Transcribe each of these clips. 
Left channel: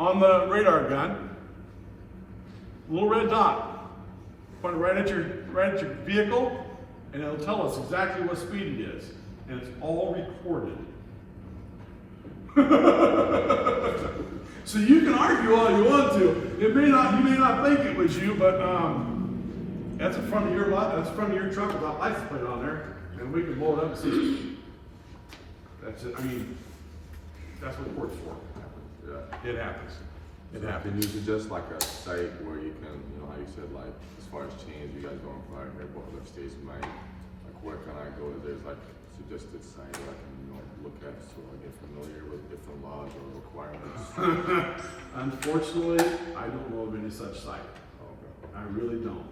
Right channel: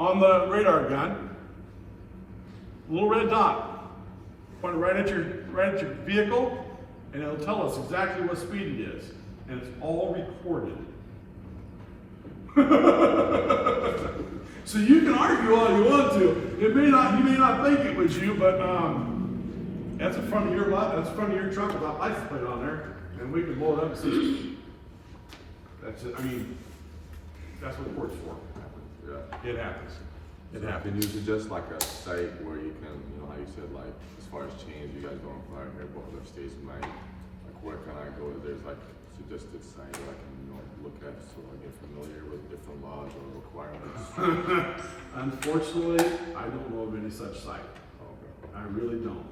on the radar gun, little red dot, point it right at your vehicle, and it'll tell us exactly what speed it is, and it's all recorded. So you can argue all you want to. You may not think it was you, but that's in front of your lot. That's in front of your truck with that license plate on there, and we can blow it up and see. That's it. I mean, that's what court's for. Yeah, it happens. It happens. Usually just like a site where you can, how you said, like, as far as change, you guys go on fire, maybe other states might, like, where can I go? There's like suggested site that I can look at so I get familiar with different laws or requirements. Unfortunately, I don't know of any such site. Okay. I really don't.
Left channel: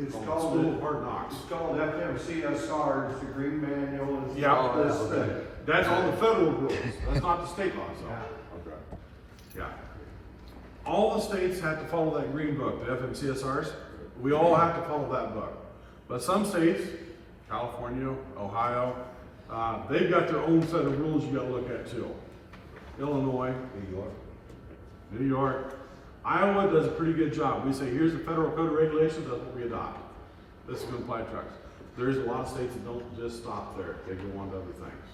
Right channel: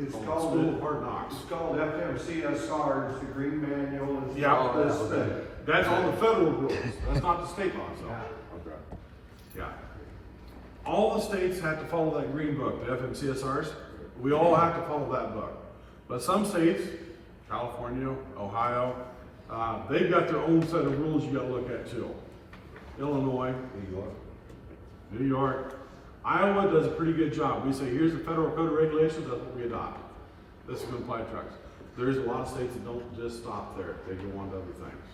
It's School called of Hard Knocks. It's called FMCSR, it's the green manual. Yeah, all this. that's all the federal rules. That's not the state laws. Okay. Yeah. All the states have to follow that green book, the FMCSRs. We all have to follow that book. But some states, California, Ohio, they've got their own set of rules you got to look at too. Illinois, New York. Iowa does a pretty good job. We say, here's the federal code of regulations, that's what we adopt. This is going to apply to trucks. There's a lot of states that don't just stop there. They go on to other things.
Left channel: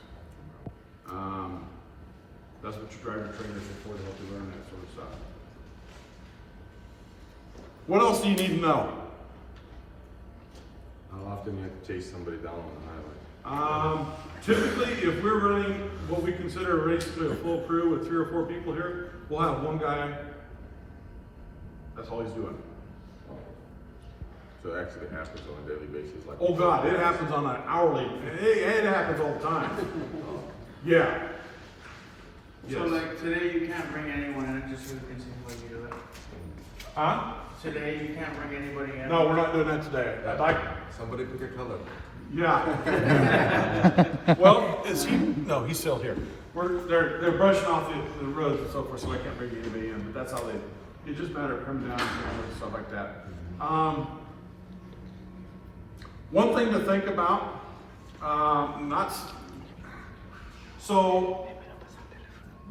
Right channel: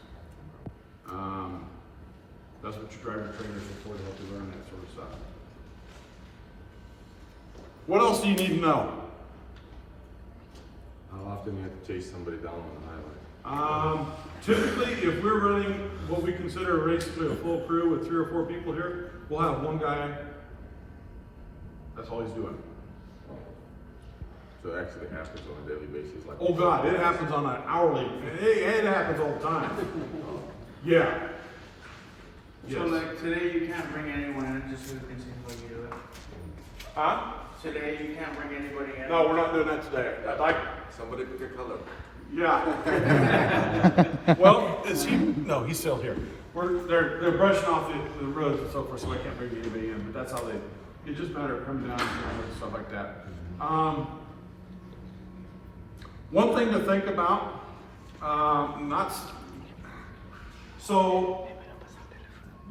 That's what your driver trainers are for, to help you learn that sort of stuff. What else do you need to know? How often do you have to chase somebody down on the highway? Typically, if we're running what we consider a race to a full crew with 3 or 4 people here, we'll have one guy. That's all he's doing. So it actually happens on a daily basis. Like, Oh God, it happens on an hourly. It happens all the time. Yeah. So Yes. like today you can't bring anyone in just so we can see what you do it. Huh? Today you can't bring anybody in. No, we're not doing that today. I'd like. somebody pick a color. Yeah. Well, is he? No, he's still here. They're brushing off the roads and so forth, so I can't bring anybody in. But that's how they. It's just a matter of coming down and stuff like that. One thing to think about. So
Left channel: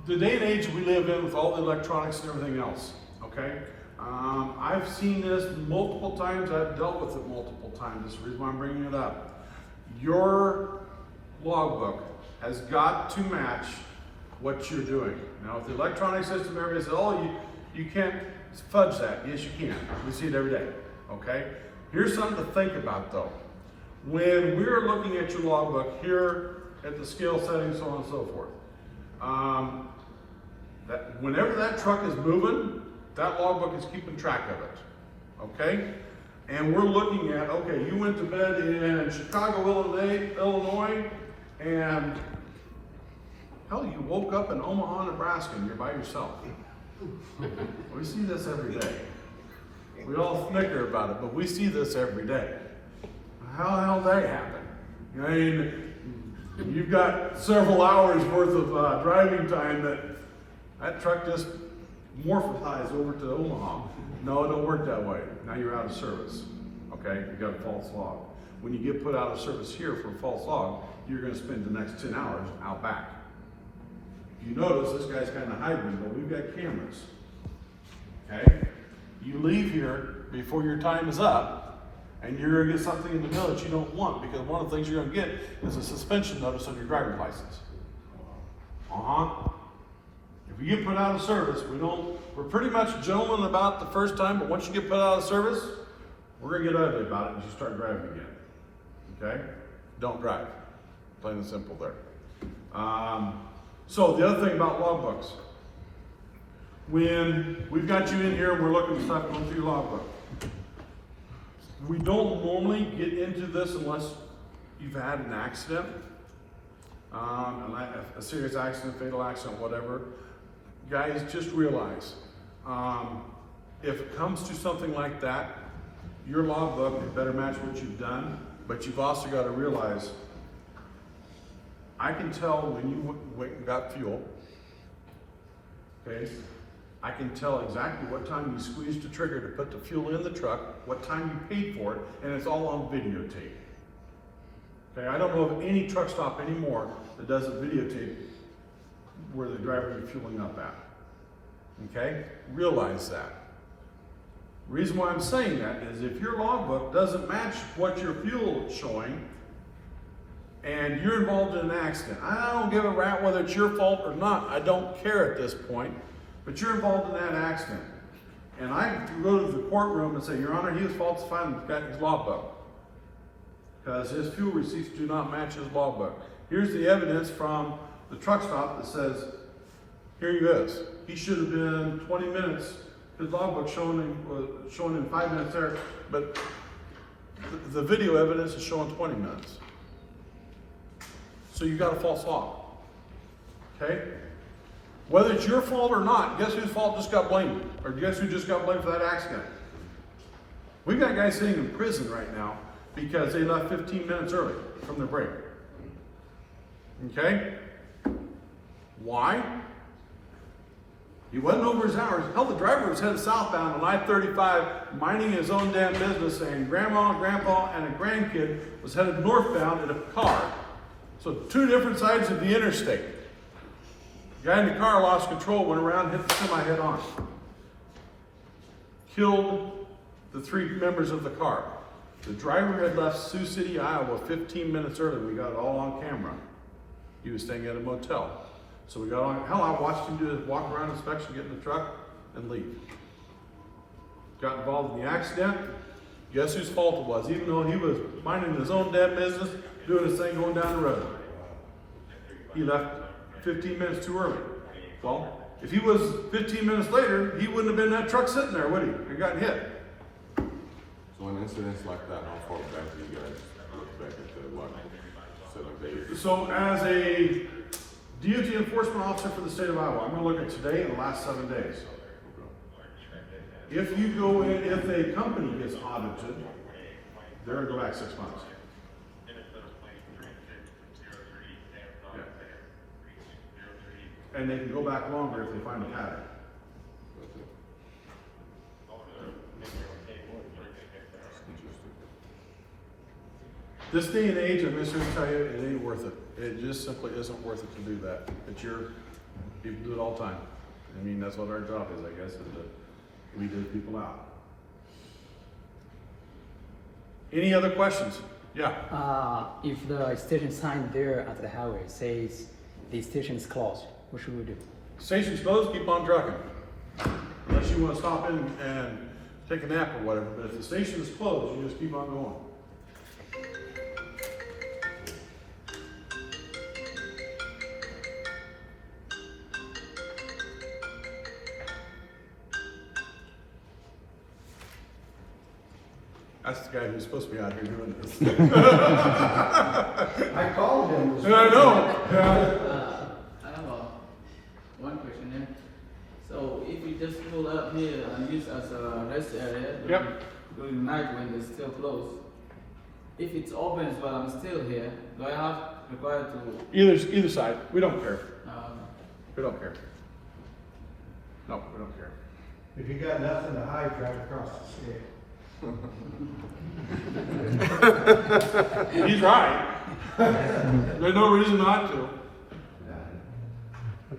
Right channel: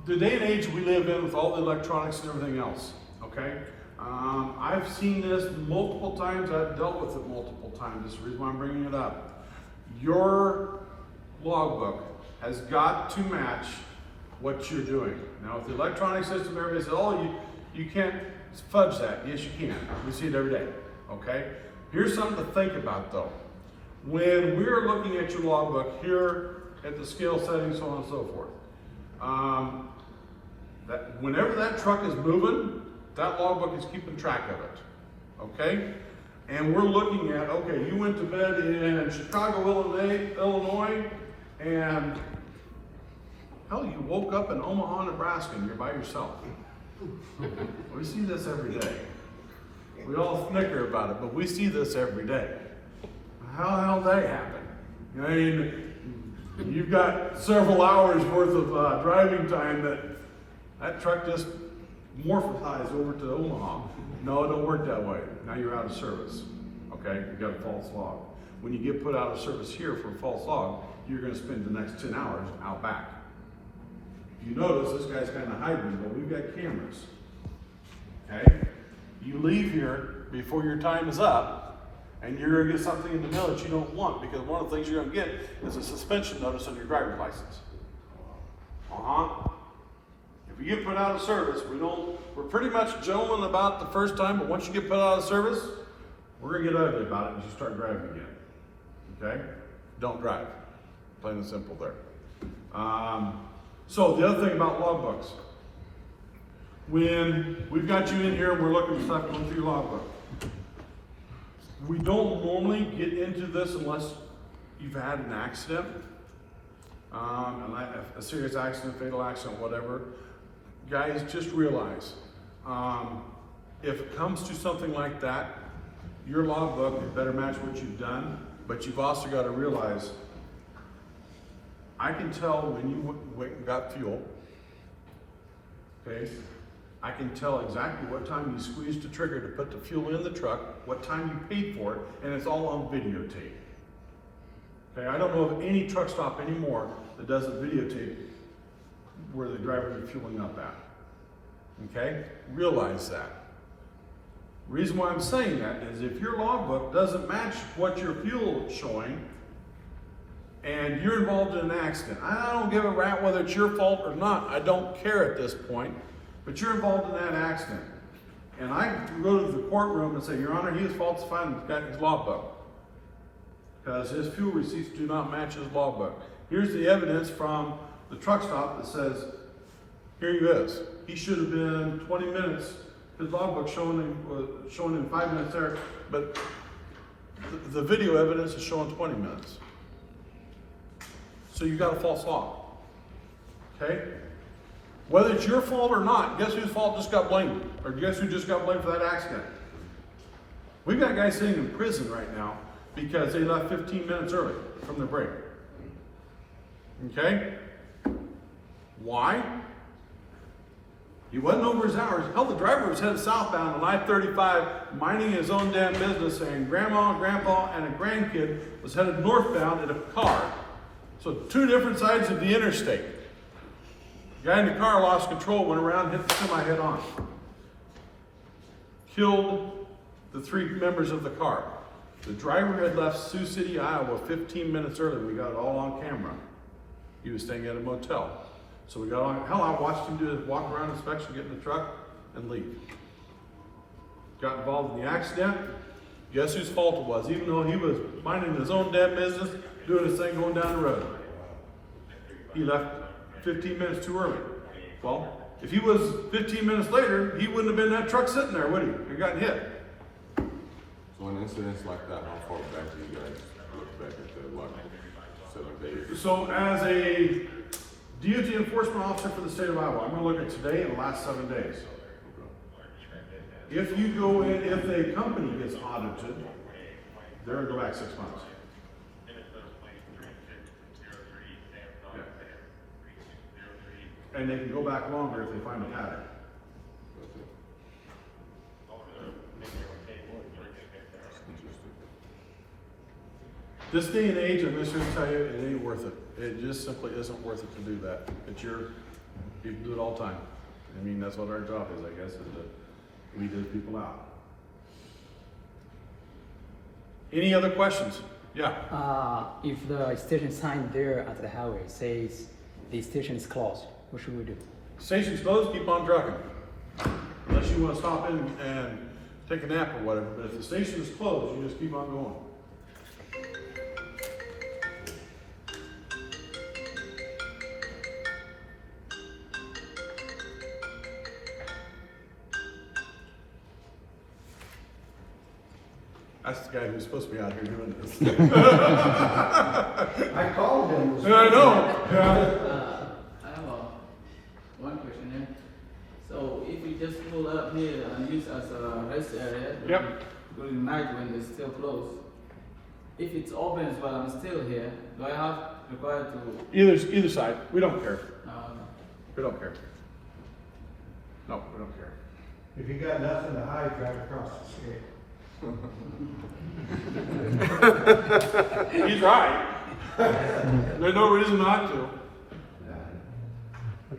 the day and age we live in with all the electronics and everything else. Okay. I've seen this multiple times. I've dealt with it multiple times. That's the reason why I'm bringing it up. Your logbook has got to match what you're doing. Now, if the electronic system area says, "Oh, you can't fudge that," yes, you can. We see it every day. Okay. Here's something to think about, though. When we're looking at your logbook here at the scale settings, so on and so forth, that whenever that truck is moving, that logbook is keeping track of it, okay? And we're looking at, okay, you went to bed in Chicago, Illinois, and hell, you woke up in Omaha, Nebraska, and you're by yourself. We see this every day. We all snicker about it, but we see this every day. How the hell did that happen? I mean, you've got several hours worth of driving time that truck just morphosized over to Omaha. No, it don't work that way. Now you're out of service. Okay, you got a false log. When you get put out of service here for a false log, you're going to spend the next 10 hours out back. If you notice, this guy's kind of hiding, but we've got cameras. Okay, you leave here before your time is up, and you're going to get something in the mail that you don't want, because one of the things you're going to get is a suspension notice on your driver's license. If you get put out of service, we're pretty much gentlemen about the first time, but once you get put out of service, we're going to get ugly about it and just start driving again. Okay? Don't drive. Plain and simple there. So the other thing about logbooks, when we've got you in here and we're looking at stuff going through your logbook, we don't normally get into this unless you've had an accident, a serious accident, fatal accident, whatever. Guys, just realize, if it comes to something like that, your logbook better match what you've done, but you've also got to realize, I can tell when you went and got fuel, okay? I can tell exactly what time you squeezed the trigger to put the fuel in the truck, what time you paid for it, and it's all on videotape. Okay, I don't know of any truck stop anymore that doesn't videotape where the driver is fueling up at. Okay? Realize that. The reason why I'm saying that is if your logbook doesn't match what your fuel is showing, and you're involved in an accident, I don't give a rat whether it's your fault or not, I don't care at this point, but you're involved in that accident. And I go to the courtroom and say, Your Honor, he was falsifying his logbook, because his fuel receipts do not match his logbook. Here's the evidence from the truck stop that says, here he is. He should have been 20 minutes. His logbook showing him 5 minutes there, but the video evidence is showing 20 minutes. So you got a false log. Okay? Whether it's your fault or not, guess whose fault just got blamed? Or guess who just got blamed for that accident? We've got guys sitting in prison right now because they left 15 minutes early from their break. Okay? Why? He wasn't over his hours. Hell, the driver was headed southbound on I-35, minding his own damn business, and grandma, grandpa, and a grandkid was headed northbound in a car. So 2 different sides of the interstate. The guy in the car lost control, went around, hit the semi head on. Killed the 3 members of the car. The driver had left Sioux City, Iowa 15 minutes early. We got it all on camera. He was staying at a motel. So we got on, hell, I watched him do his walk around inspection, get in the truck, and leave. Got involved in the accident. Guess whose fault it was? Even though he was minding his own damn business, doing his thing, going down the road. He left 15 minutes too early. Well, if he was 15 minutes later, he wouldn't have been in that truck sitting there, would he? He got hit. So in incidents like that, how far back do you guys look back at the like 7 days? So as a DOT enforcement officer for the state of Iowa, I'm going to look at today and the last 7 days. If you go in, if a company gets audited, they're going to go back 6 months. Yeah. And they can go back longer if they find a pattern. This day and age, I'm just going to tell you, it ain't worth it. It just simply isn't worth it to do that. You do it all the time. I mean, that's what our job is, I guess, is to weed those people out. Any other questions? Yeah. If the station sign there at the highway says the station is closed, what should we do? Station's closed, keep on trucking. Unless you want to stop in and take a nap or whatever, but if the station is closed, you just keep on going. That's the guy who's supposed to be out here doing this. I called him. Yeah, I know. I have one question here. So if you just pull up here and use as a rest area during the night when they're still closed, if it's open but I'm still here, do I have required to? Either side. We don't care. Um, We don't care. No, we don't care. If you got nothing to hide, drive across the street. He's right. There's no reason not to.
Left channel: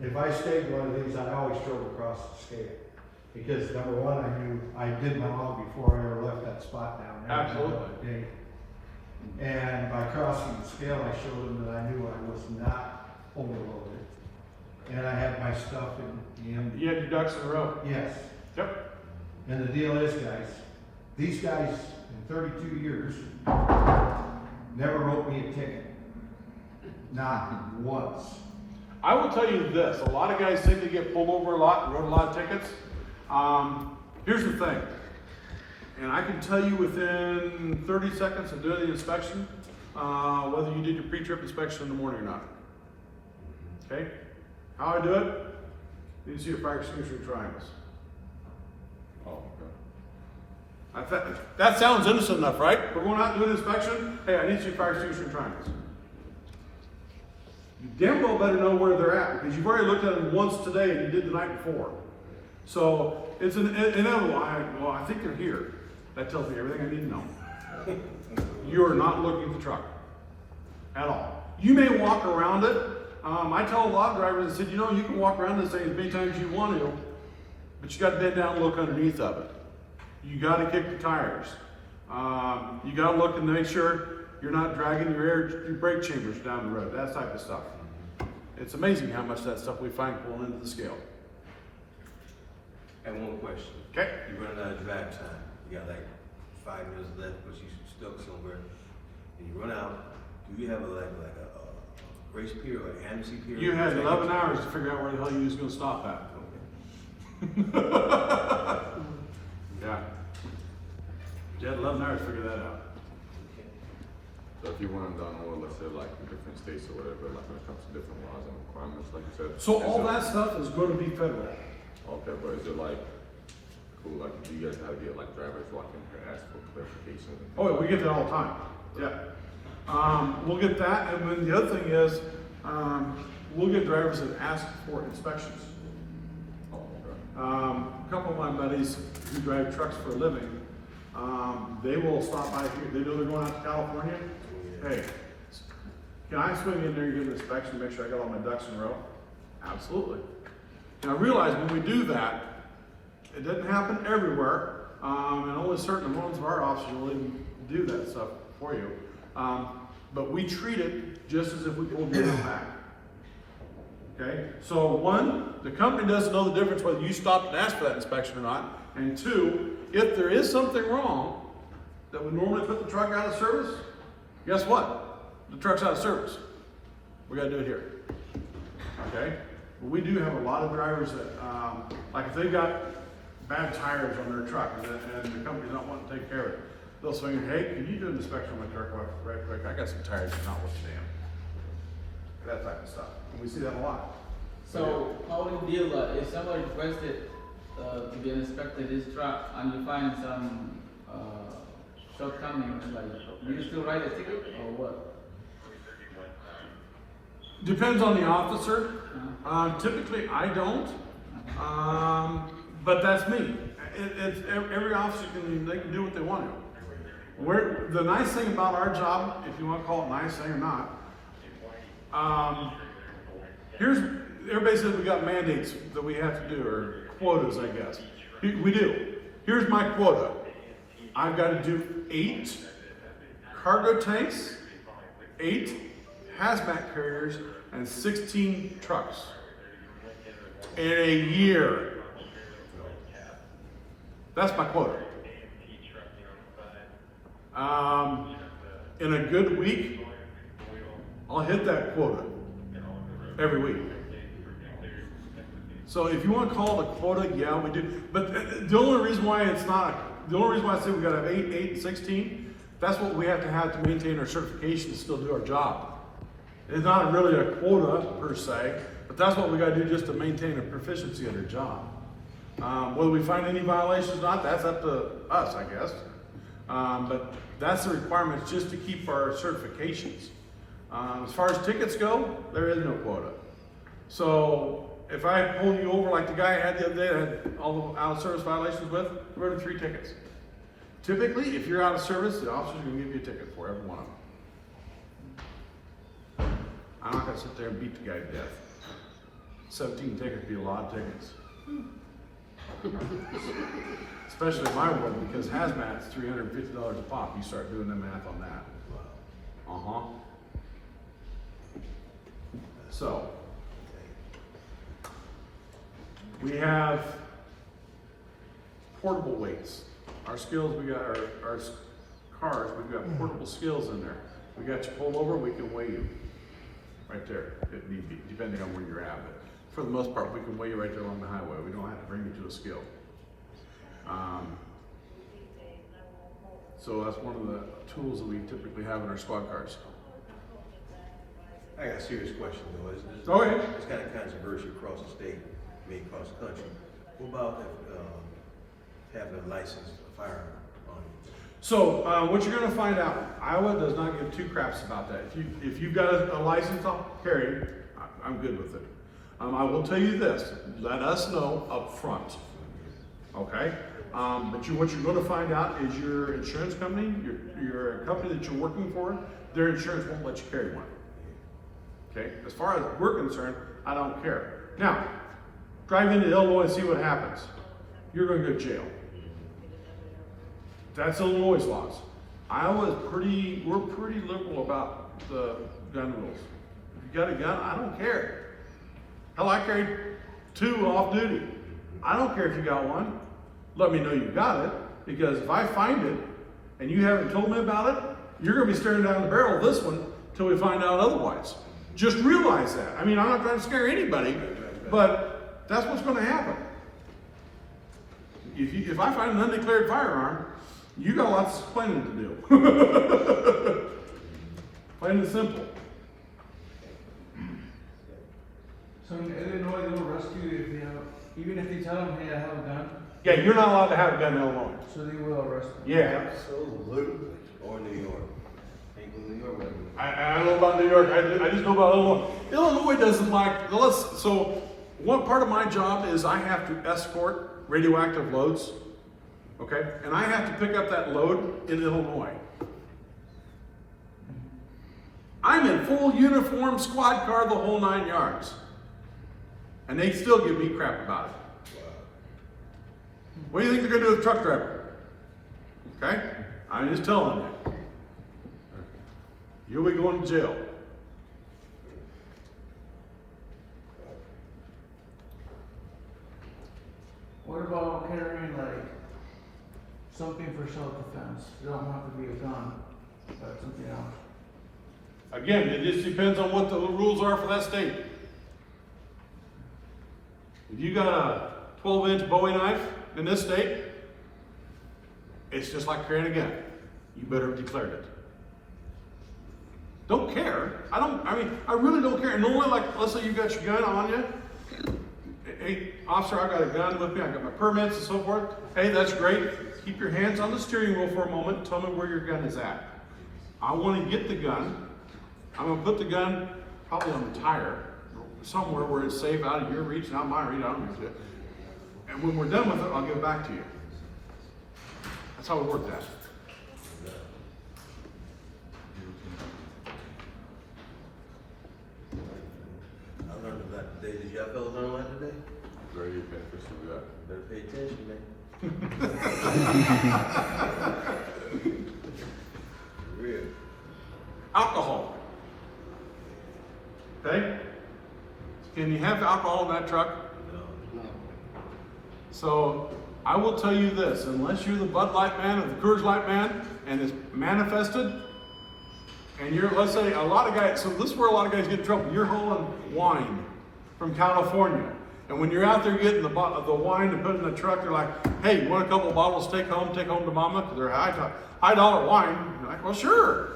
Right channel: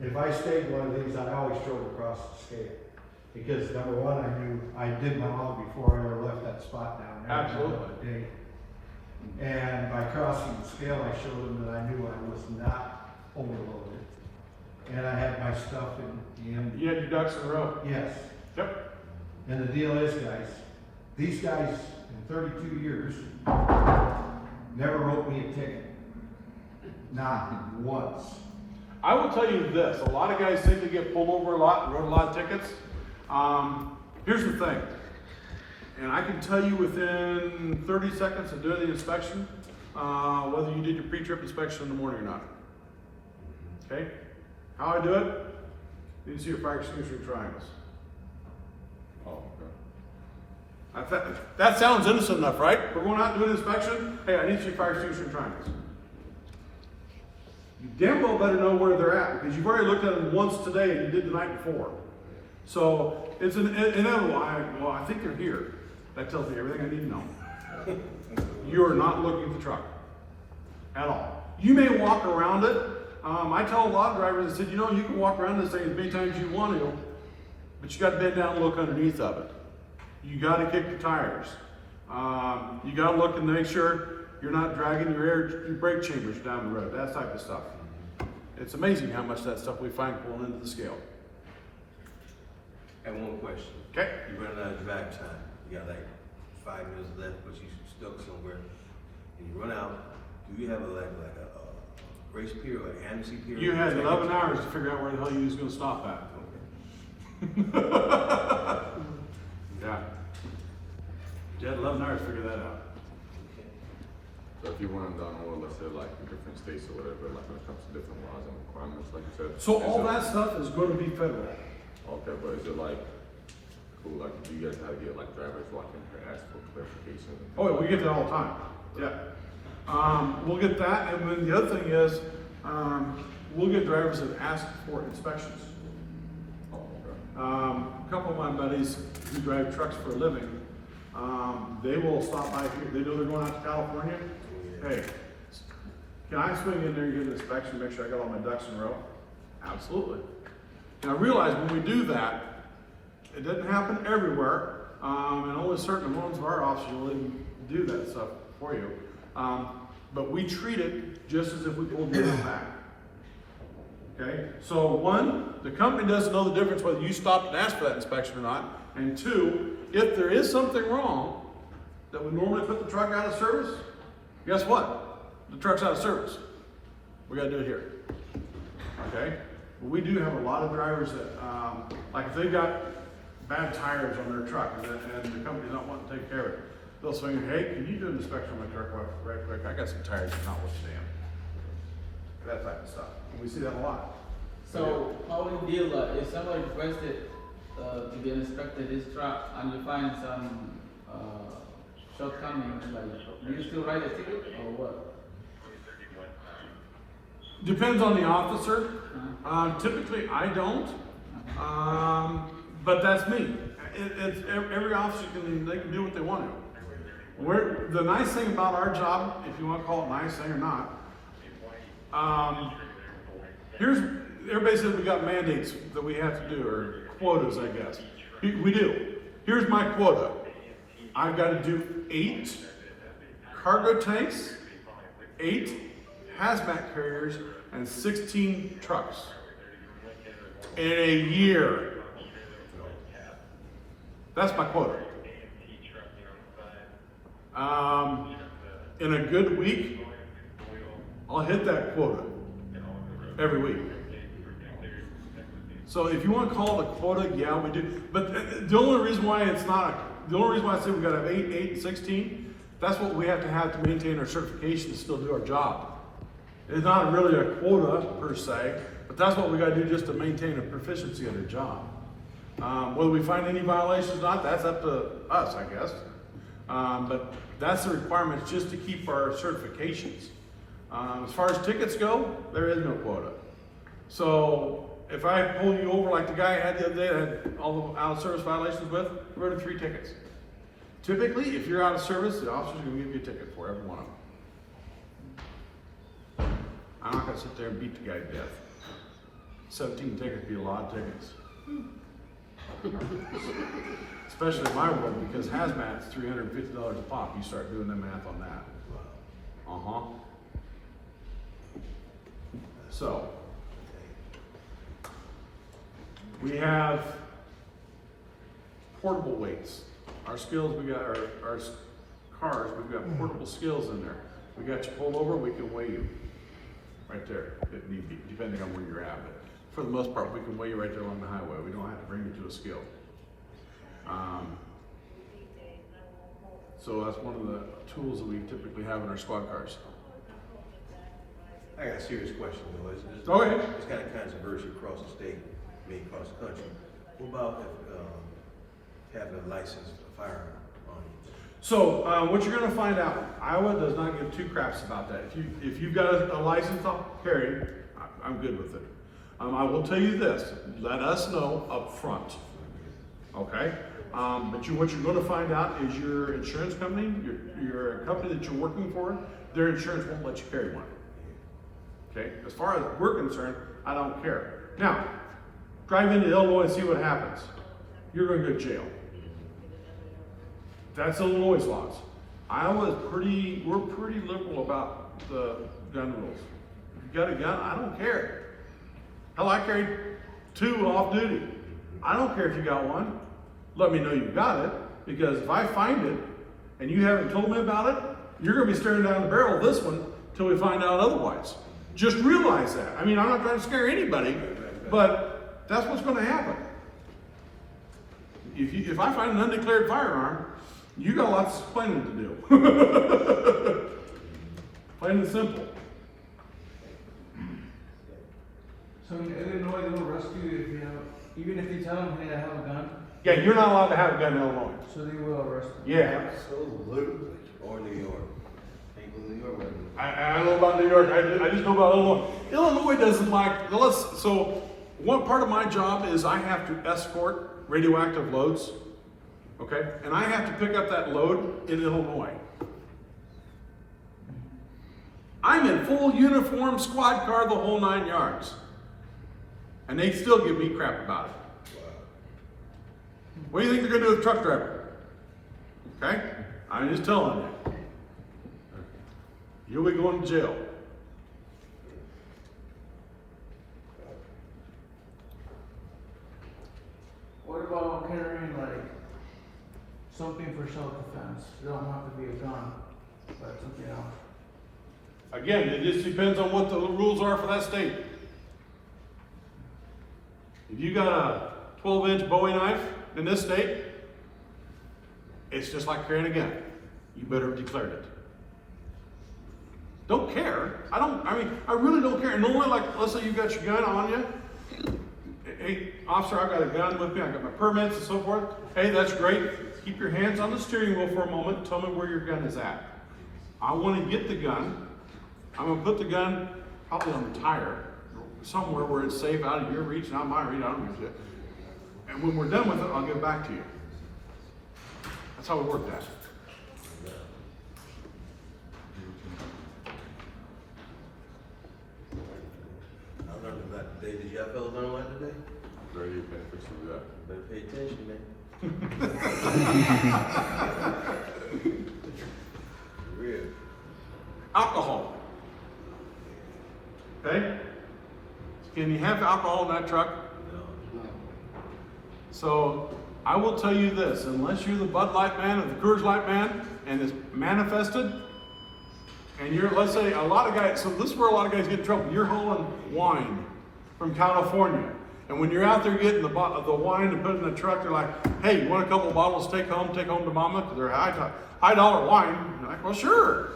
If I stayed one of these, I always drove across the state. Because number one, I knew I did my log before I ever left that spot down there. Absolutely. And by crossing the scale, I showed them that I knew I was not overloaded. And I had my stuff in the end. You had your ducks in a row. Yes. Yep. And the deal is, guys, these guys in 32 years never wrote me a ticket. Not once. I will tell you this, a lot of guys think they get pulled over a lot, wrote a lot of tickets. Here's the thing, and I can tell you within 30 seconds of doing the inspection, whether you did your pre-trip inspection in the morning or not. Okay? How I do it, you can see your fire extinguisher triangles. Oh, okay. That sounds innocent enough, right? We're going out and doing an inspection, hey, I need to see fire extinguisher triangles. You damn well better know where they're at, because you've already looked at them once today and you did the night before. So it's an inevitable. I think they're here. That tells me everything I need to know. You are not looking at the truck at all. You may walk around it. I tell a lot of drivers, I said, you know, you can walk around this thing as many times as you want to, but you gotta bend down and look underneath of it. You gotta kick the tires. You gotta look and make sure you're not dragging your brake chambers down the road, that type of stuff. It's amazing how much of that stuff we find pulling into the scale. I have one question. Okay. You run out of drive time. You got like 5 minutes left, but you stuck somewhere. And you run out. Do you have a grace period, like amnesty period? You had 11 hours to figure out where the hell you was gonna stop at. Yeah. You had 11 hours to figure that out. So if you run down more, let's say like in different states or whatever, like when it comes to different laws and requirements, like you said. So all that stuff is gonna be federal. Okay, but is it like, cool, like, do you guys have to get like drivers walking and ask for clarification? Oh, yeah, we get that all the time. Yeah. We'll get that, and then the other thing is, we'll get drivers that ask for inspections. Oh, okay. A couple of my buddies who drive trucks for a living, they will stop by here. They know they're going out to California. Hey, can I swing in there and give an inspection, make sure I got all my ducks in a row? Absolutely. And I realize when we do that, it doesn't happen everywhere, and only certain ones of our officers will even do that stuff for you. But we treat it just as if we pulled you back. Okay? So one, the company doesn't know the difference whether you stopped and asked for that inspection or not. And two, if there is something wrong that would normally put the truck out of service, guess what? The truck's out of service. We gotta do it here. Okay? But we do have a lot of drivers that, like if they've got bad tires on their truck and the company's not wanting to take care of it, they'll say, hey, can you do an inspection on my truck right quick? I got some tires that are not working damn. That type of stuff. And we see that a lot. So how would you deal, if somebody requested, to be inspected this truck and you find some, shortcomings, like, do you still write a ticket or what? Depends on the officer. Typically, I don't. But that's me. Every officer they can do what they want to. The nice thing about our job, if you want to call it nice thing or not, everybody says we got mandates that we have to do, or quotas, I guess. We do. Here's my quota. I've got to do 8 cargo tanks, 8 hazmat carriers, and 16 trucks in a year. That's my quota. In a good week, I'll hit that quota every week. So if you want to call it a quota, yeah, we do. But the only reason why it's not, the only reason why I said we got to have 8, and 16, that's what we have to maintain our certification to still do our job. It's not really a quota per se, but that's what we got to do just to maintain a proficiency in our job. Whether we find any violations or not, that's up to us, I guess. But that's the requirement, just to keep our certifications. As far as tickets go, there is no quota. So if I pull you over like the guy I had the other day, that had all the out of service violations with, we're in 3 tickets. Typically, if you're out of service, the officer's gonna give you a ticket for every one of them. I'm not gonna sit there and beat the guy to death. 17 tickets would be a lot of tickets. Especially in my world, because hazmat's $350 a pop. You start doing the math on that. So, we have portable weights. Our skills, we got our cars, we've got portable skills in there. We got you pull over, we can weigh you right there, if need be, depending on where you're at. But for the most part, we can weigh you right there on the highway. We don't have to bring you to a scale. So that's one of the tools that we typically have in our squad cars. I got a serious question though. Go ahead. It's kind of controversial across the state, maybe across the country. What about having a licensed firearm on you? So what you're going to find out, Iowa does not give 2 craps about that. If you've got a license to carry, I'm good with it. I will tell you this: let us know up front. Okay. But what you're going to find out is your insurance company, your company that you're working for, their insurance won't let you carry one. Okay. As far as we're concerned, I don't care. Now, drive into Illinois and see what happens. you're gonna go to jail. That's Illinois' laws. We're pretty liberal about the gun rules. If you got a gun, I don't care. Hell, I carried 2 off duty. I don't care if you got one. Let me know you got it, because if I find it and you haven't told me about it, you're gonna be staring down the barrel of this one till we find out otherwise. Just realize that. I mean, I'm not trying to scare anybody, but that's what's gonna happen. If I find an undeclared firearm, you got lots of explaining to do. Plain and simple. So in Illinois, they will arrest you if you have, even if they tell them, hey, I have a gun, Yeah, you're not allowed to have a gun in Illinois. so they will arrest you. Yeah. Absolutely. Or New York. Ain't in New York. I don't know about New York, I just know about Illinois. Illinois doesn't like, so one part of my job is I have to escort radioactive loads, okay? And I have to pick up that load in Illinois. I'm in full uniform, squad car, the whole 9 yards. And they still give me crap about it. What do you think they're gonna do with a truck driver? Okay? I'm just telling you. You'll be going to jail. What about carrying like something for self-defense? You don't have to be a gun, but something else. Again, it just depends on what the rules are for that state. If you got a 12-inch Bowie knife in this state, it's just like carrying a gun. You better declare it. Don't care. I really don't care. And normally, like, let's say you got your gun on you. Hey, officer, I've got a gun with me. I've got my permits and so forth. Hey, that's great. Keep your hands on the steering wheel for a moment. Tell me where your gun is at. I want to get the gun. I'm going to put the gun probably on the tire, somewhere where it's safe, out of your reach, not my reach. And when we're done with it, I'll give it back to you. That's how it works out. I learned about the day. Did y'all fellas learn that today? Very beneficial to that. Better pay attention, man. Real. Alcohol. Okay? Can you have alcohol in that truck? So I will tell you this, unless you're the Bud Light man or the Coors Light man and it's manifested, and you're, let's say a lot of guys, so this is where a lot of guys get in trouble. You're hauling wine from California. And when you're out there getting the wine to put in the truck, they're like, hey, you want a couple of bottles to take home to mama? Because they're high dollar wine. You're like, well, sure.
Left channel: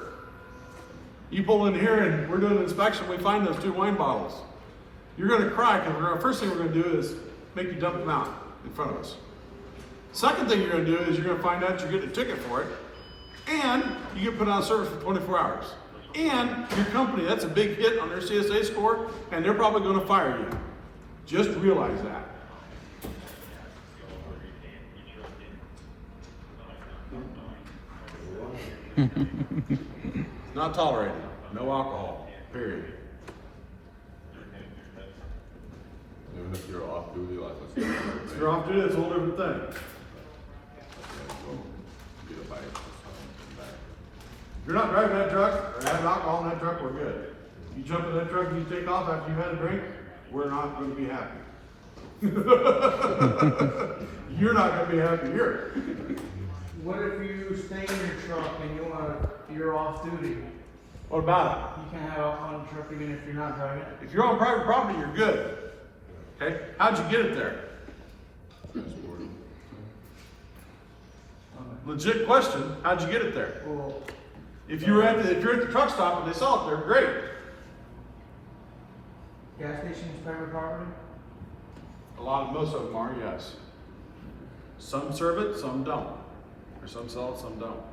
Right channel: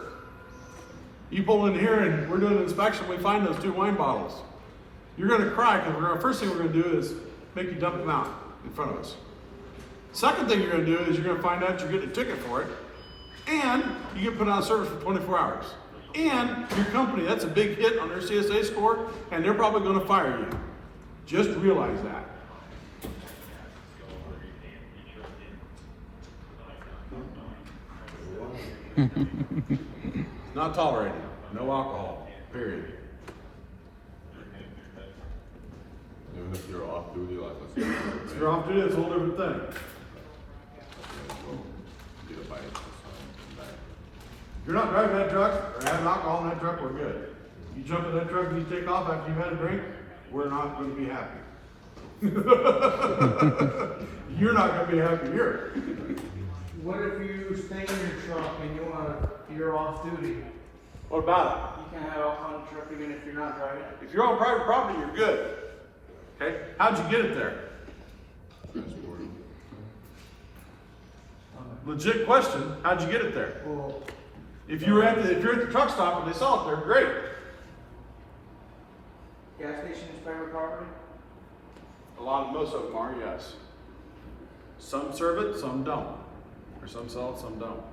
You pull in here and we're doing an inspection, we find those 2 wine bottles. You're gonna cry because the first thing we're gonna do is make you dump them out in front of us. Second thing you're gonna do is you're gonna find out you're getting a ticket for it, and you get put on service for 24 hours. And your company, that's a big hit on their CSA score, and they're probably gonna fire you. Just realize that. Not tolerated. No alcohol. Period. Even if you're off duty, like I said, If you're off duty, it's a whole different thing. get a bite. If you're not driving that truck or having alcohol in that truck, we're good. You jump in that truck and you take off after you've had a drink, we're not going to be happy. You're not going to be happy here. What if you stay in your truck and you're off duty? What about it? You can't have alcohol in the truck even if you're not driving. If you're on private property, you're good. Okay? How'd you get it there? Legit question. How'd you get it there? Well, If you're at the truck stop and they sell it there, great. gas stations, private property? Most of them are, yes. Some serve it, some don't. Or some sell it, some don't.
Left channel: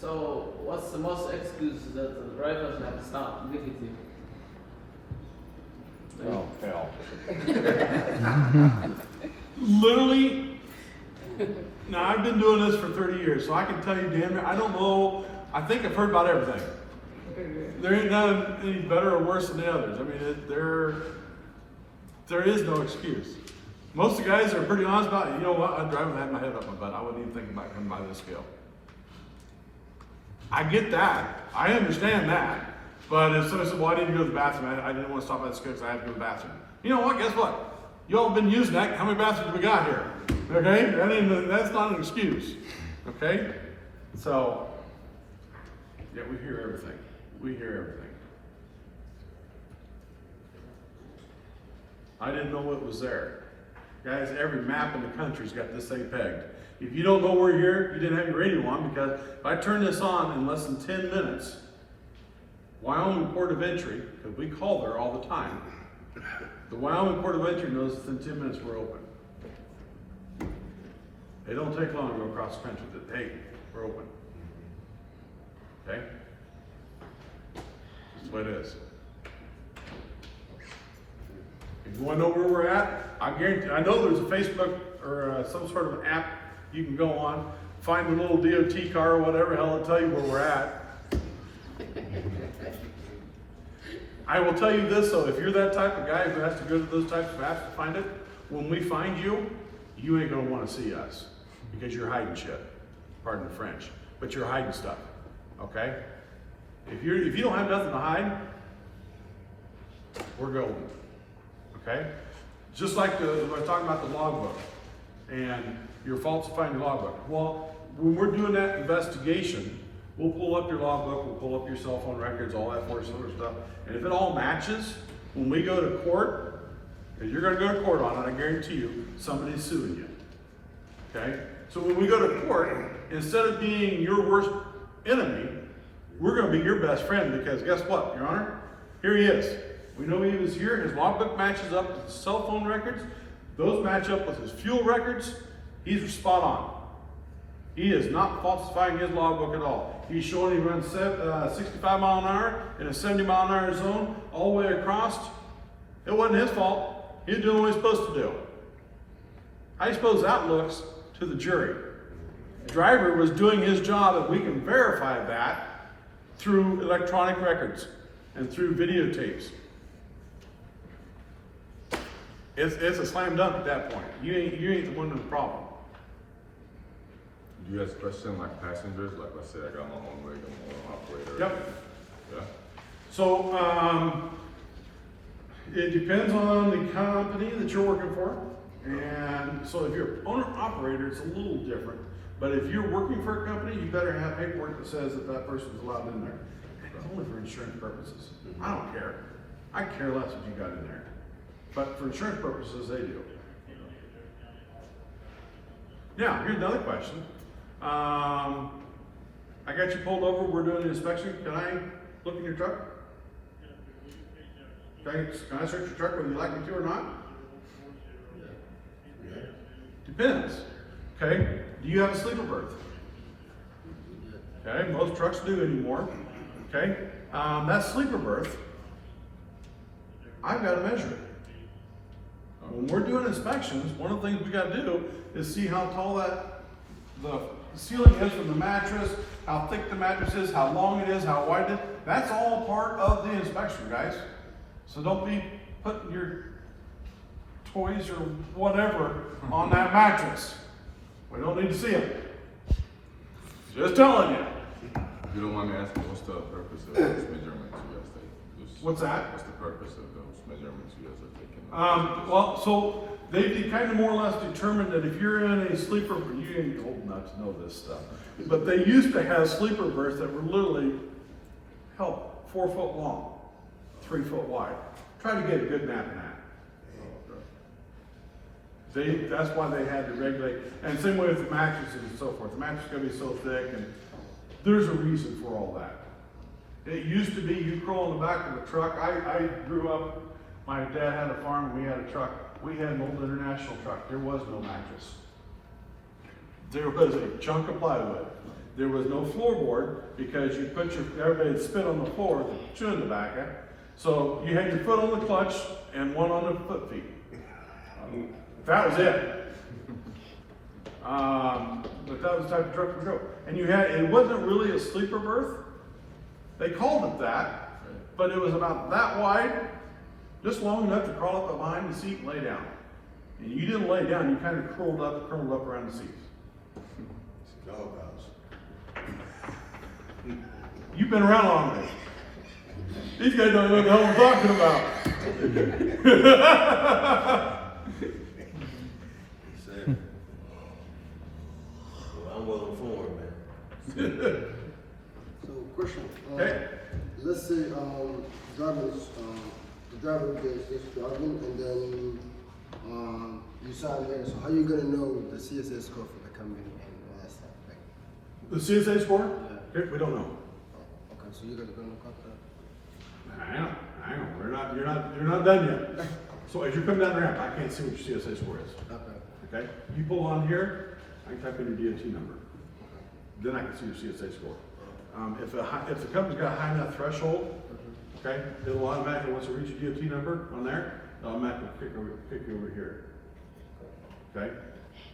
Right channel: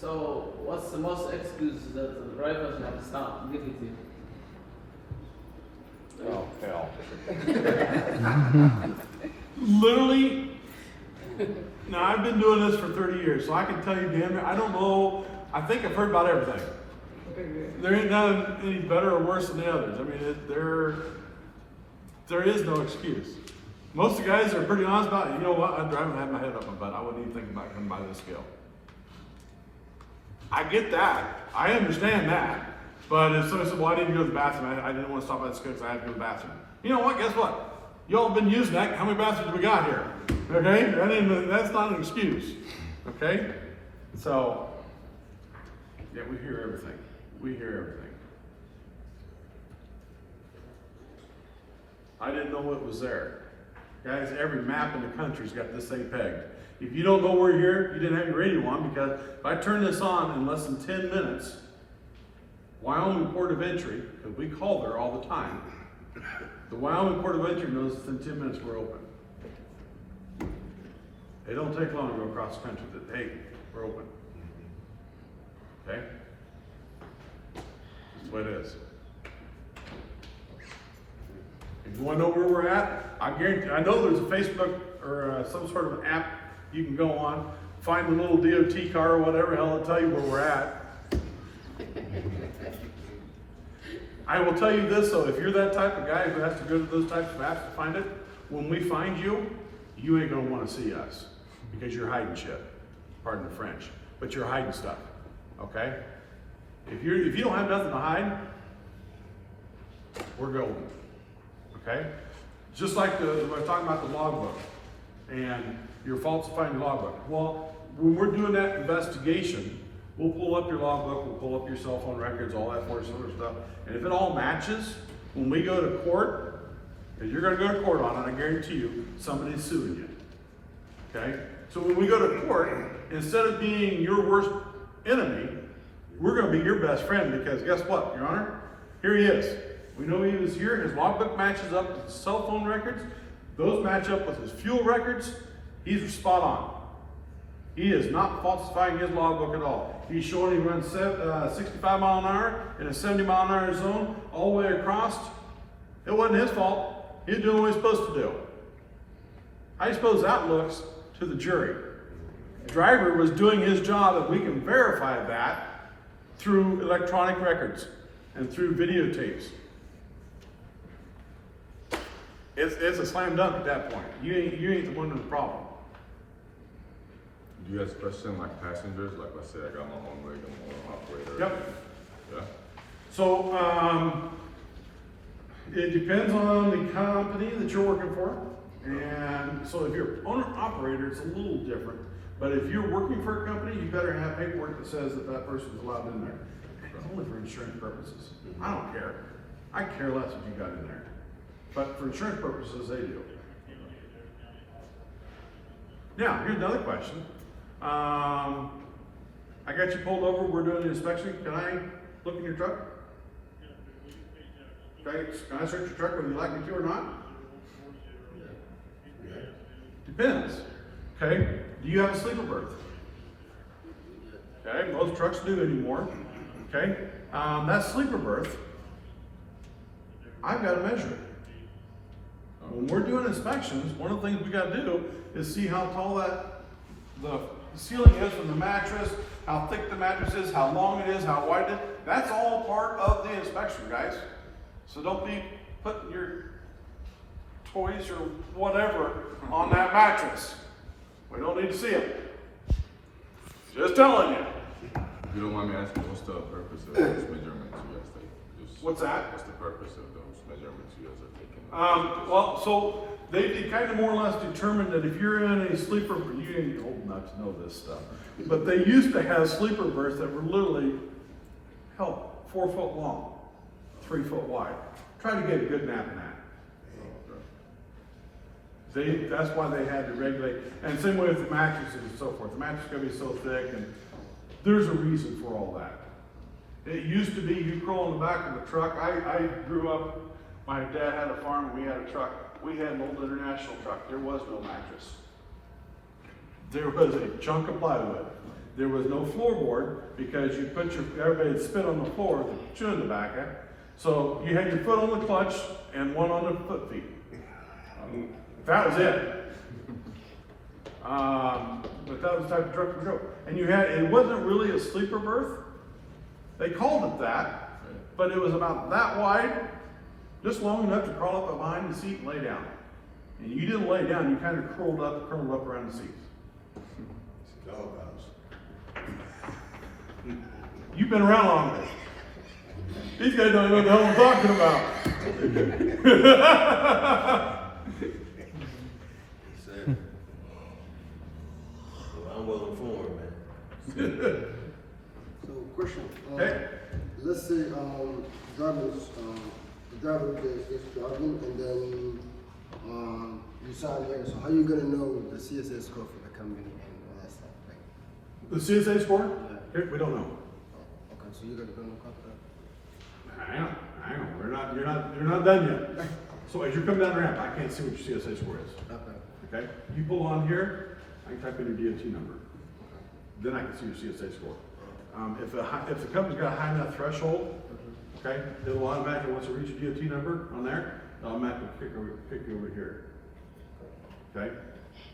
So what's the most excuse that the drivers like stop immediately? Literally, now I've been doing this for 30 years, so I can tell you, Dan, I don't know, I think I've heard about everything. There ain't none any better or worse than the others. I mean, there is no excuse. Most of the guys are pretty honest about it. You know what? I'd rather have my head up my butt. I wouldn't even think about coming by this scale. I get that. I understand that. But if someone said, well, I didn't go to the bathroom, I didn't want to stop by the scale because I had to go to the bathroom. You know what? Guess what? Y'all have been using that. How many bathrooms we got here? Okay? That's not an excuse. Okay? So, yeah, we hear everything. We hear everything. I didn't know what was there. Guys, every map in the country's got this thing pegged. If you don't know we're here, you didn't have your radio on, because if I turn this on in less than 10 minutes, Wyoming Port of Entry, because we call there all the time, the Wyoming Port of Entry knows within 10 minutes we're open. They don't take long to go across the country, but hey, we're open. Okay? That's the way it is. If you want to know where we're at, I guarantee, I know there's a Facebook or some sort of app you can go on, find the little DOT car or whatever, hell, it'll tell you where we're at. I will tell you this though, if you're that type of guy who has to go to those types of maps to find it, when we find you, you ain't gonna want to see us because you're hiding shit. Pardon the French, but you're hiding stuff. Okay? If you don't have nothing to hide, we're going. Okay? Just like we're talking about the logbook and you're falsifying the logbook. Well, when we're doing that investigation, we'll pull up your logbook, we'll pull up your cell phone records, all that sort of stuff. And if it all matches, when we go to court, and you're going to go to court on it, I guarantee you, somebody's suing you. Okay? So when we go to court, instead of being your worst enemy, we're going to be your best friend, because guess what, Your Honor? Here he is. We know he was here. His logbook matches up with his cell phone records. Those match up with his fuel records. He's spot on. He is not falsifying his logbook at all. He's showing he runs 65 mile an hour in a 70 mile an hour zone all the way across. It wasn't his fault. He was doing what he was supposed to do. I suppose that looks to the jury. The driver was doing his job, and we can verify that through electronic records and through videotapes. It's a slam dunk at that point. You ain't the one with the problem. You guys question like passengers, like I said, I got my own rig and my own operator. Yep. Yeah. So, it depends on the company that you're working for. And so if you're owner-operator, it's a little different. But if you're working for a company, you better have paperwork that says that person's allowed in there. It's only for insurance purposes. I don't care. I care less if you got in there. But for insurance purposes, they do. Now, here's another question. I got you pulled over, we're doing an inspection. Can I look in your truck? Okay, can I search your truck whether you like me to or not? Depends. Okay, do you have a sleeper berth? Okay, most trucks do anymore. Okay, that sleeper berth, I've got to measure it. When we're doing inspections, one of the things we got to do is see how tall the ceiling is from the mattress, how thick the mattress is, how long it is, how wide it is. That's all part of the inspection, guys. So don't be putting your toys or whatever on that mattress. We don't need to see them. Just telling you. If you don't mind me asking, what's the purpose of those measurements you guys take? What's that? What's the purpose of those measurements you guys are taking? Well, so they kind of more or less determine that if you're in a sleeper, you ain't old enough to know this stuff, but they used to have sleeper berths that were literally, 4 foot long, 3 foot wide. Try to get a good map in that. That's why they had to regulate, and same with the mattresses and so forth. The mattress is going to be so thick, and there's a reason for all that. It used to be you crawl in the back of a truck. I grew up, my dad had a farm, and we had a truck. We had an old International truck. There was no mattress. There was a chunk of plywood. There was no floorboard because you put everybody would spit on the floor with the chin in the back. Yeah? So you had your foot on the clutch and one on the foot feet. That was it. But that was the type of truck to go. And you had, it wasn't really a sleeper berth. They called it that, but it was about that wide, just long enough to crawl up behind the seat and lay down. You didn't lay down, you kind of curled up around the seats. You've been around longer. These guys don't know what the hell you're talking about. I'm willing for it, man. So, question, Okay. let's say, the driver is jogging and then, you sign here, so how you gonna know the CSS score for the coming and that stuff? Like, The CSA score? Here, we don't know. okay, so you're gonna go and copy I know, you're not done yet. So as you come down the ramp, I can't see what your CSA score is. that? Okay. Okay? You pull on here, I can type in your DOT number. Then I can see your CSA score. If the company's got a high enough threshold, okay, it'll automatically, once you reach your DOT number on there, automatically pick you over here. Okay?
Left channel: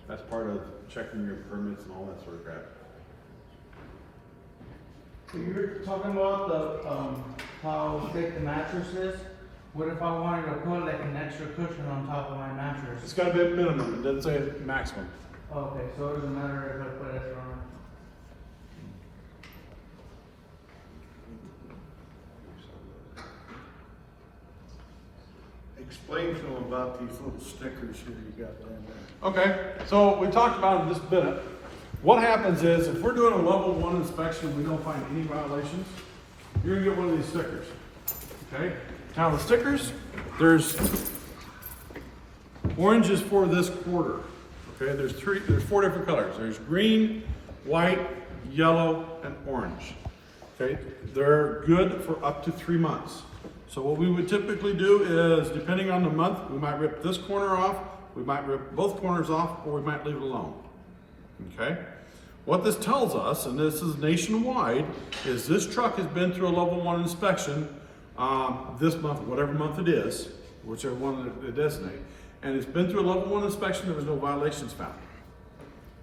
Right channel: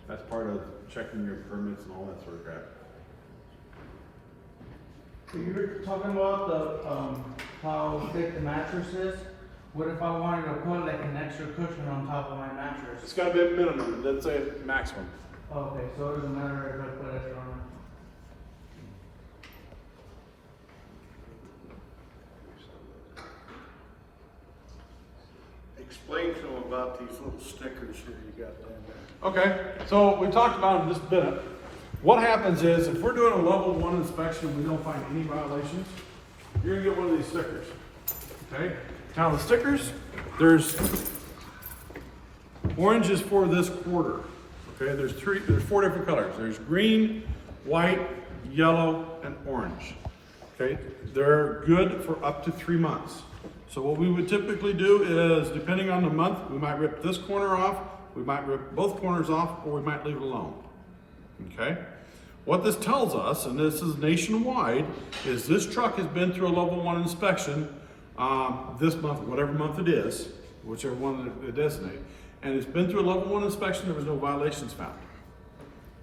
That's part of checking your permits and all that sort of crap. We were talking about the, how thick the mattress is. What if I wanted to put like an extra cushion on top of my mattress? It's gotta be a minimum, let's say maximum. Okay, so it doesn't matter if I put extra on it. Explain something about these little stickers here you got there. Okay, so we talked about it just a minute. What happens is, if we're doing a level 1 inspection and we don't find any violations, you're gonna get one of these stickers. Okay? Now with stickers, there's orange is for this quarter. Okay, there's 4 different colors. There's green, white, yellow, and orange. Okay, they're good for up to 3 months. So what we would typically do is, depending on the month, we might rip this corner off, we might rip both corners off, or we might leave it alone. Okay? What this tells us, and this is nationwide, is this truck has been through a level 1 inspection this month, whatever month it is, whichever one it designate, and it's been through a level 1 inspection, there was no violations found.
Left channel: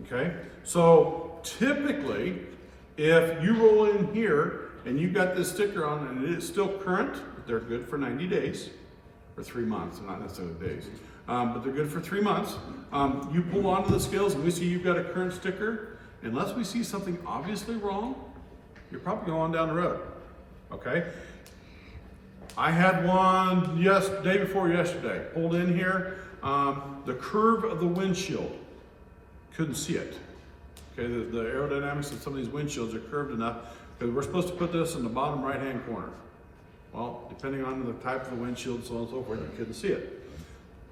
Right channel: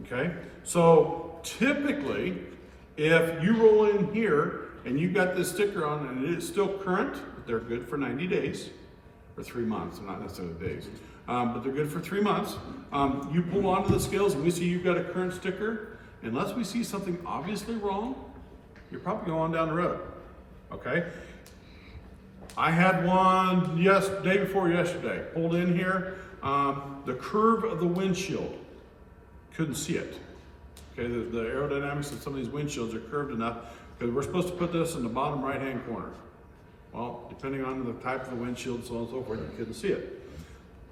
Okay? So typically, if you roll in here and you've got this sticker on and it is still current, they're good for 90 days, or 3 months, not necessarily days, but they're good for 3 months. You pull onto the scales and we see you've got a current sticker, unless we see something obviously wrong, you're probably going down the road, okay? I had one day before yesterday, pulled in here, the curve of the windshield, couldn't see it. Okay, the aerodynamics of some of these windshields are curved enough that we're supposed to put this in the bottom right-hand corner. Well, depending on the type of the windshield, so on and so forth, you couldn't see it.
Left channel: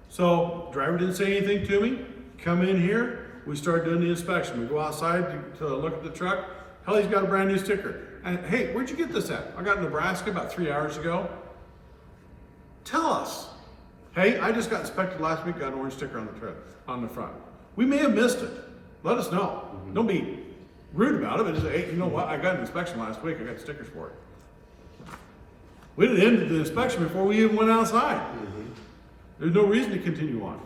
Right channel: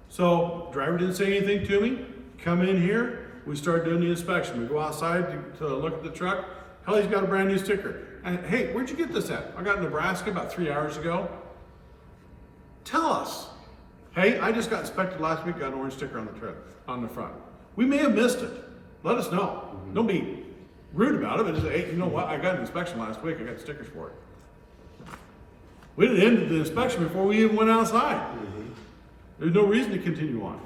So, driver didn't say anything to me, come in here, we start doing the inspection. We go outside to look at the truck, hell, he's got a brand new sticker. And, hey, where'd you get this at? I got in Nebraska about 3 hours ago. Tell us. Hey, I just got inspected last week, got an orange sticker on the front. We may have missed it. Let us know. Don't be rude about it, but just say, hey, you know what? I got an inspection last week, I got stickers for it. We didn't end the inspection before we even went outside. There's no reason to continue on.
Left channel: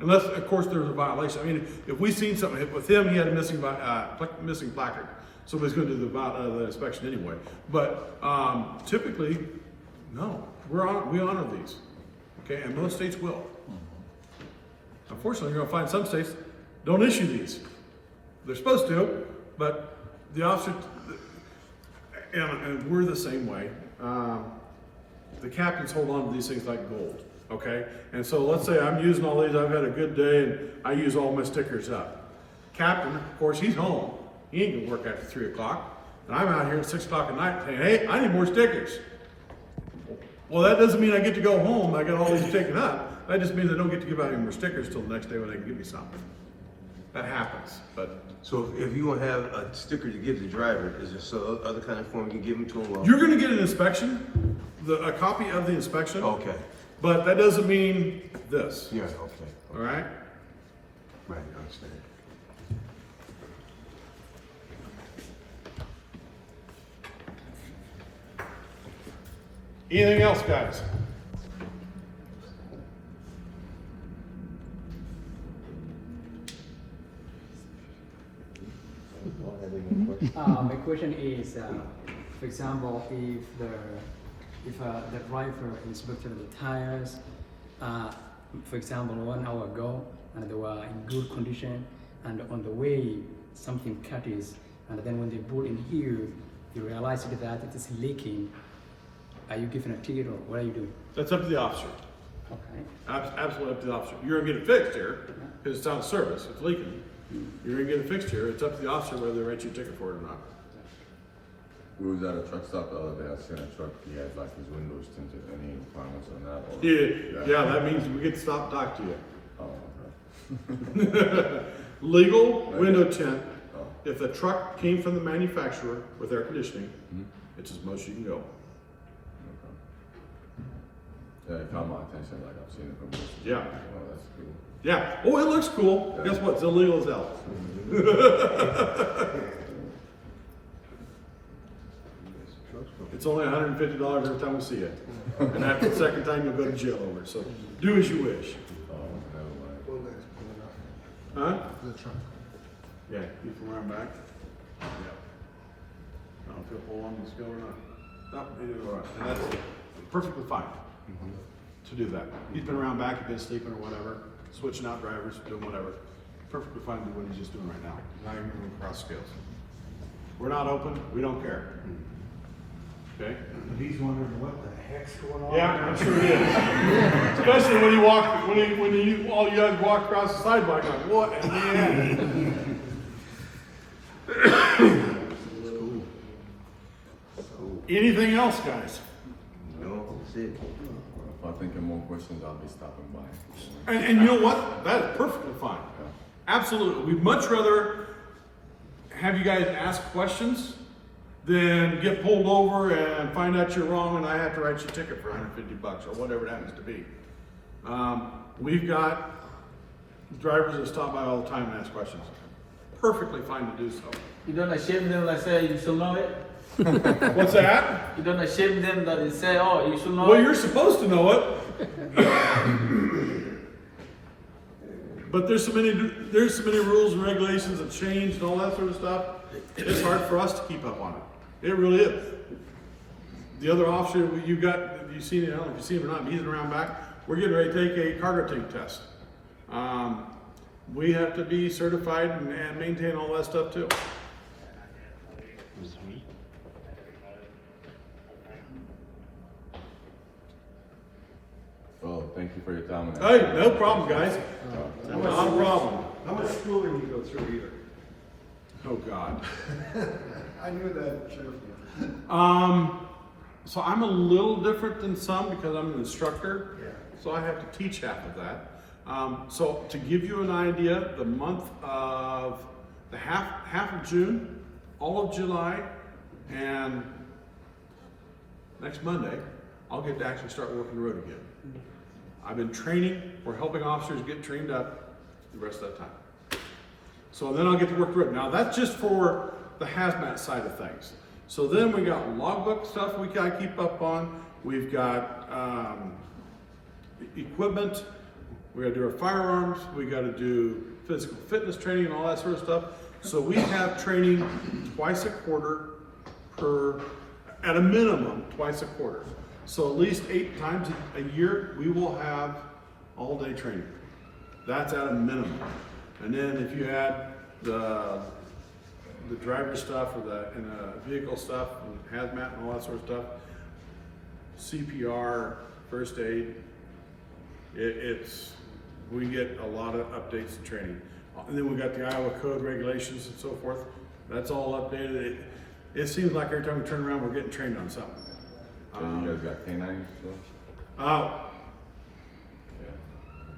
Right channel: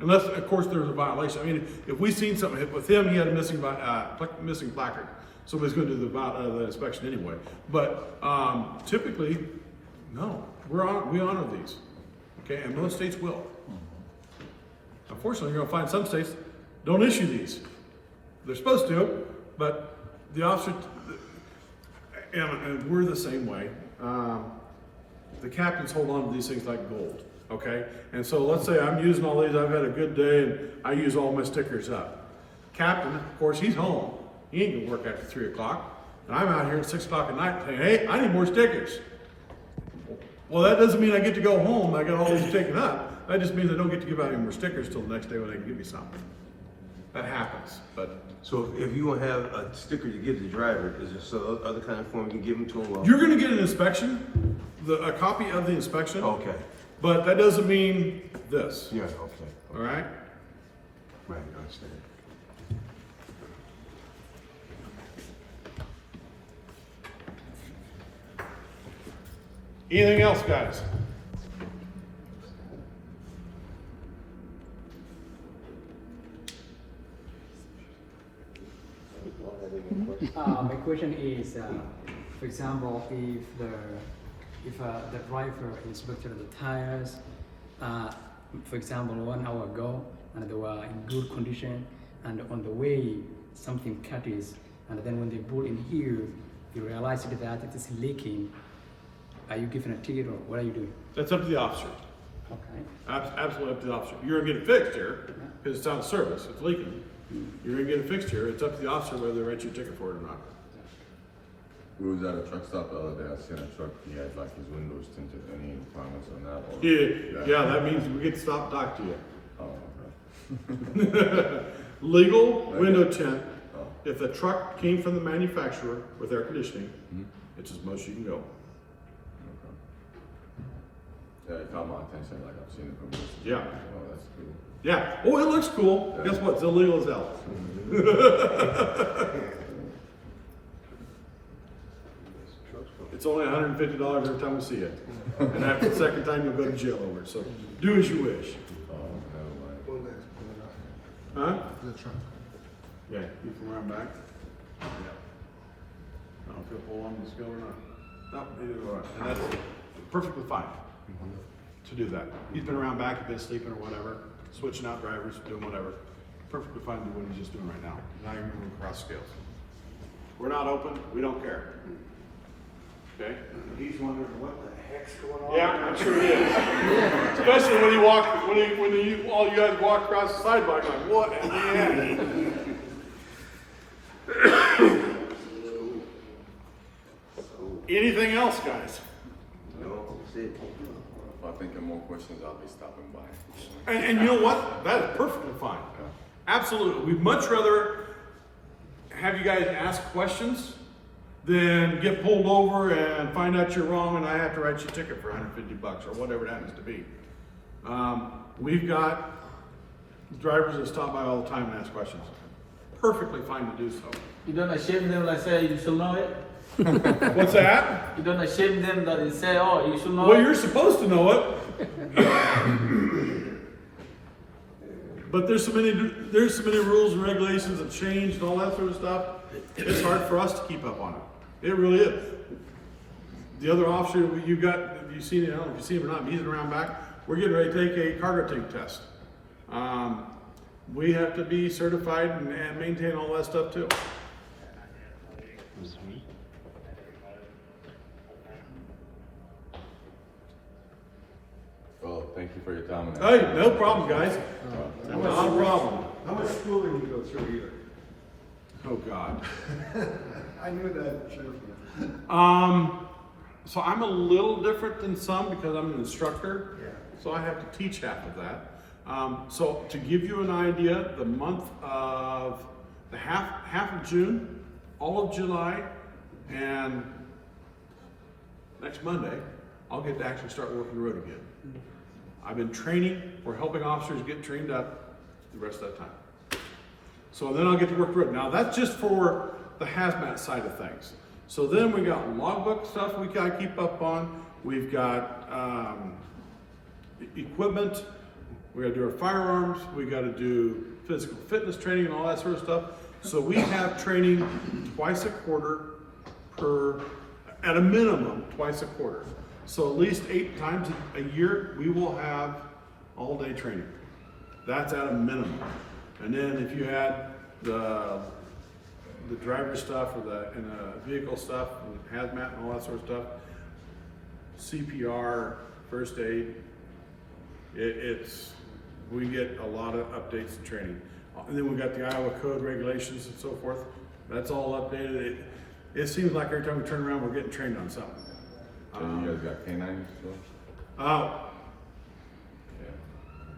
Unless, of course, there was a violation. I mean, if we seen something with him, he had a missing placard. So he's going to do the inspection anyway. But typically, no, we honor these. Okay, and most states will. Unfortunately, you're going to find some states don't issue these. They're supposed to, but the officer, and we're the same way. The captains hold on to these things like gold, okay? And so let's say I'm using all these, I've had a good day, and I use all my stickers up. Captain, of course, he's home. He ain't gonna work after 3 o'clock. And I'm out here at 6 o'clock at night saying, hey, I need more stickers. Well, that doesn't mean I get to go home, I got all these taken up. That just means I don't get to give out any more stickers till the next day when they can give me something. That happens, but. So if you gonna have a sticker to give the driver, is there some other kind of form you can give them to him? You're gonna get an inspection, a copy of the inspection. Okay. But that doesn't mean this, Yeah, okay. all right? Right, I understand. Anything else, guys? My question is, for example, if the driver inspected the tires, for example, 1 hour ago, and they were in good condition, and on the way, something catches, and then when they brought in here, you realize that it is leaking. Are you giving a ticket, or what are you doing? That's up to the officer. Okay. Absolutely up to the officer. You're gonna get it fixed here, because it's out of service, it's leaking. You're gonna get it fixed here, it's up to the officer whether they write you a ticket for it or not. We was at a truck stop the other day, I seen a truck, he had like his windows tinted, any comments on that? Or- Yeah, that means we get to stop and talk to you. Oh, okay. Legal window tint, Oh. if the truck came from the manufacturer with air conditioning, it's as much as you can go. And it caught my attention, like I've seen it from this. Yeah. Oh, that's cool. Yeah, oh, it looks cool, guess what, it's illegal as hell. It's only $150 every time we see it, and after the second time, you'll go to jail over it, so do as you wish. Oh, never mind. Huh? Yeah, you can run back. Yeah. I don't know if you'll pull on the skill or not. No, it is all right. And that's perfectly fine to do that. He's been around back, he's been sleeping or whatever, switching out drivers, doing whatever. Perfectly fine to do what he's just doing right now. Not even going across scales. We're not open, we don't care. Okay? He's wondering what the heck's going on. Yeah, it sure is. Especially when you walk, all you guys walk across the sidebar, like, what? And anything else, guys? If I'm thinking more questions, I'll be stopping by. And you know what? That is perfectly fine. Absolutely. We'd much rather have you guys ask questions than get pulled over and find out you're wrong and I have to write you a ticket for $150 or whatever it happens to be. We've got drivers that stop by all the time and ask questions. Perfectly fine to do so. You don't shame them like say you should know it? What's that? You don't shame them that they say, oh, you should know Well, it? you're supposed to know it. But there's so many rules and regulations that change and all that sort of stuff. It's hard for us to keep up on it. It really is. The other officer you've got, you've seen it, I don't know if you've seen him or not, he's around back. We're getting ready to take a cargo tank test. We have to be certified and maintain all that stuff too. Well, thank you for your time. Hey, no problem, guys. No problem. How much schooling you go through here? Oh, God. I knew that, too. So I'm a little different than some because I'm an instructor, so I have to teach half of that. So to give you an idea, the month of the half of June, all of July, and next Monday, I'll get to actually start working the road again. I've been training or helping officers get trained up the rest of that time. So then I'll get to work the road. Now that's just for the hazmat side of things. So then we got logbook stuff we gotta keep up on. We've got equipment. We gotta do our firearms. We gotta do physical fitness training and all that sort of stuff. So we have training twice a quarter at a minimum, twice a quarter. So at least 8 times a year, we will have all day training. That's at a minimum. And then if you add the driver stuff and the vehicle stuff and hazmat and all that sort of stuff, CPR, first aid, we get a lot of updates and training. And then we got the Iowa code regulations and so forth. That's all updated. It seems like every time we turn around, we're getting trained on something. And you guys got canines still?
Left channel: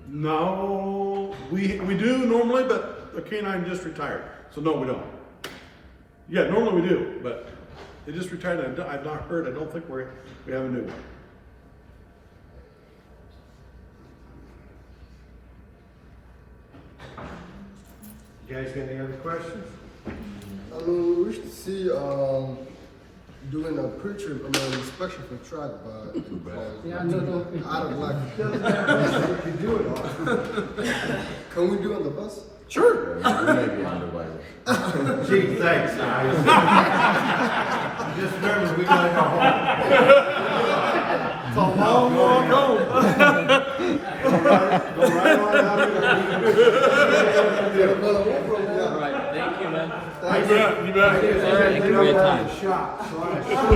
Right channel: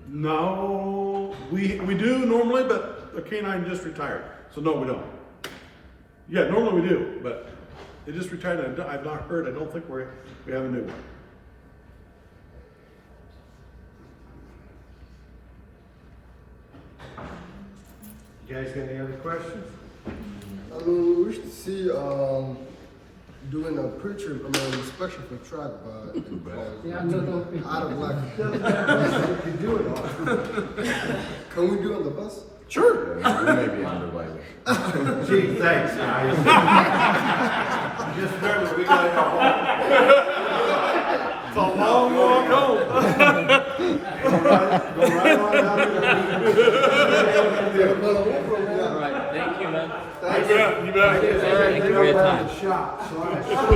No, we do normally, but a canine just retired, so no, we don't. Yeah, normally we do, but they just retired. I've not heard. I don't think we have a new one. You guys got any other questions? I mean, we wish to see, doing a pre-trip, inspection for truck, Yeah, no. out of luck. Can we do it on the bus? Sure. We may be on the way. Gee, thanks, guys. Just remember, we got Thank you.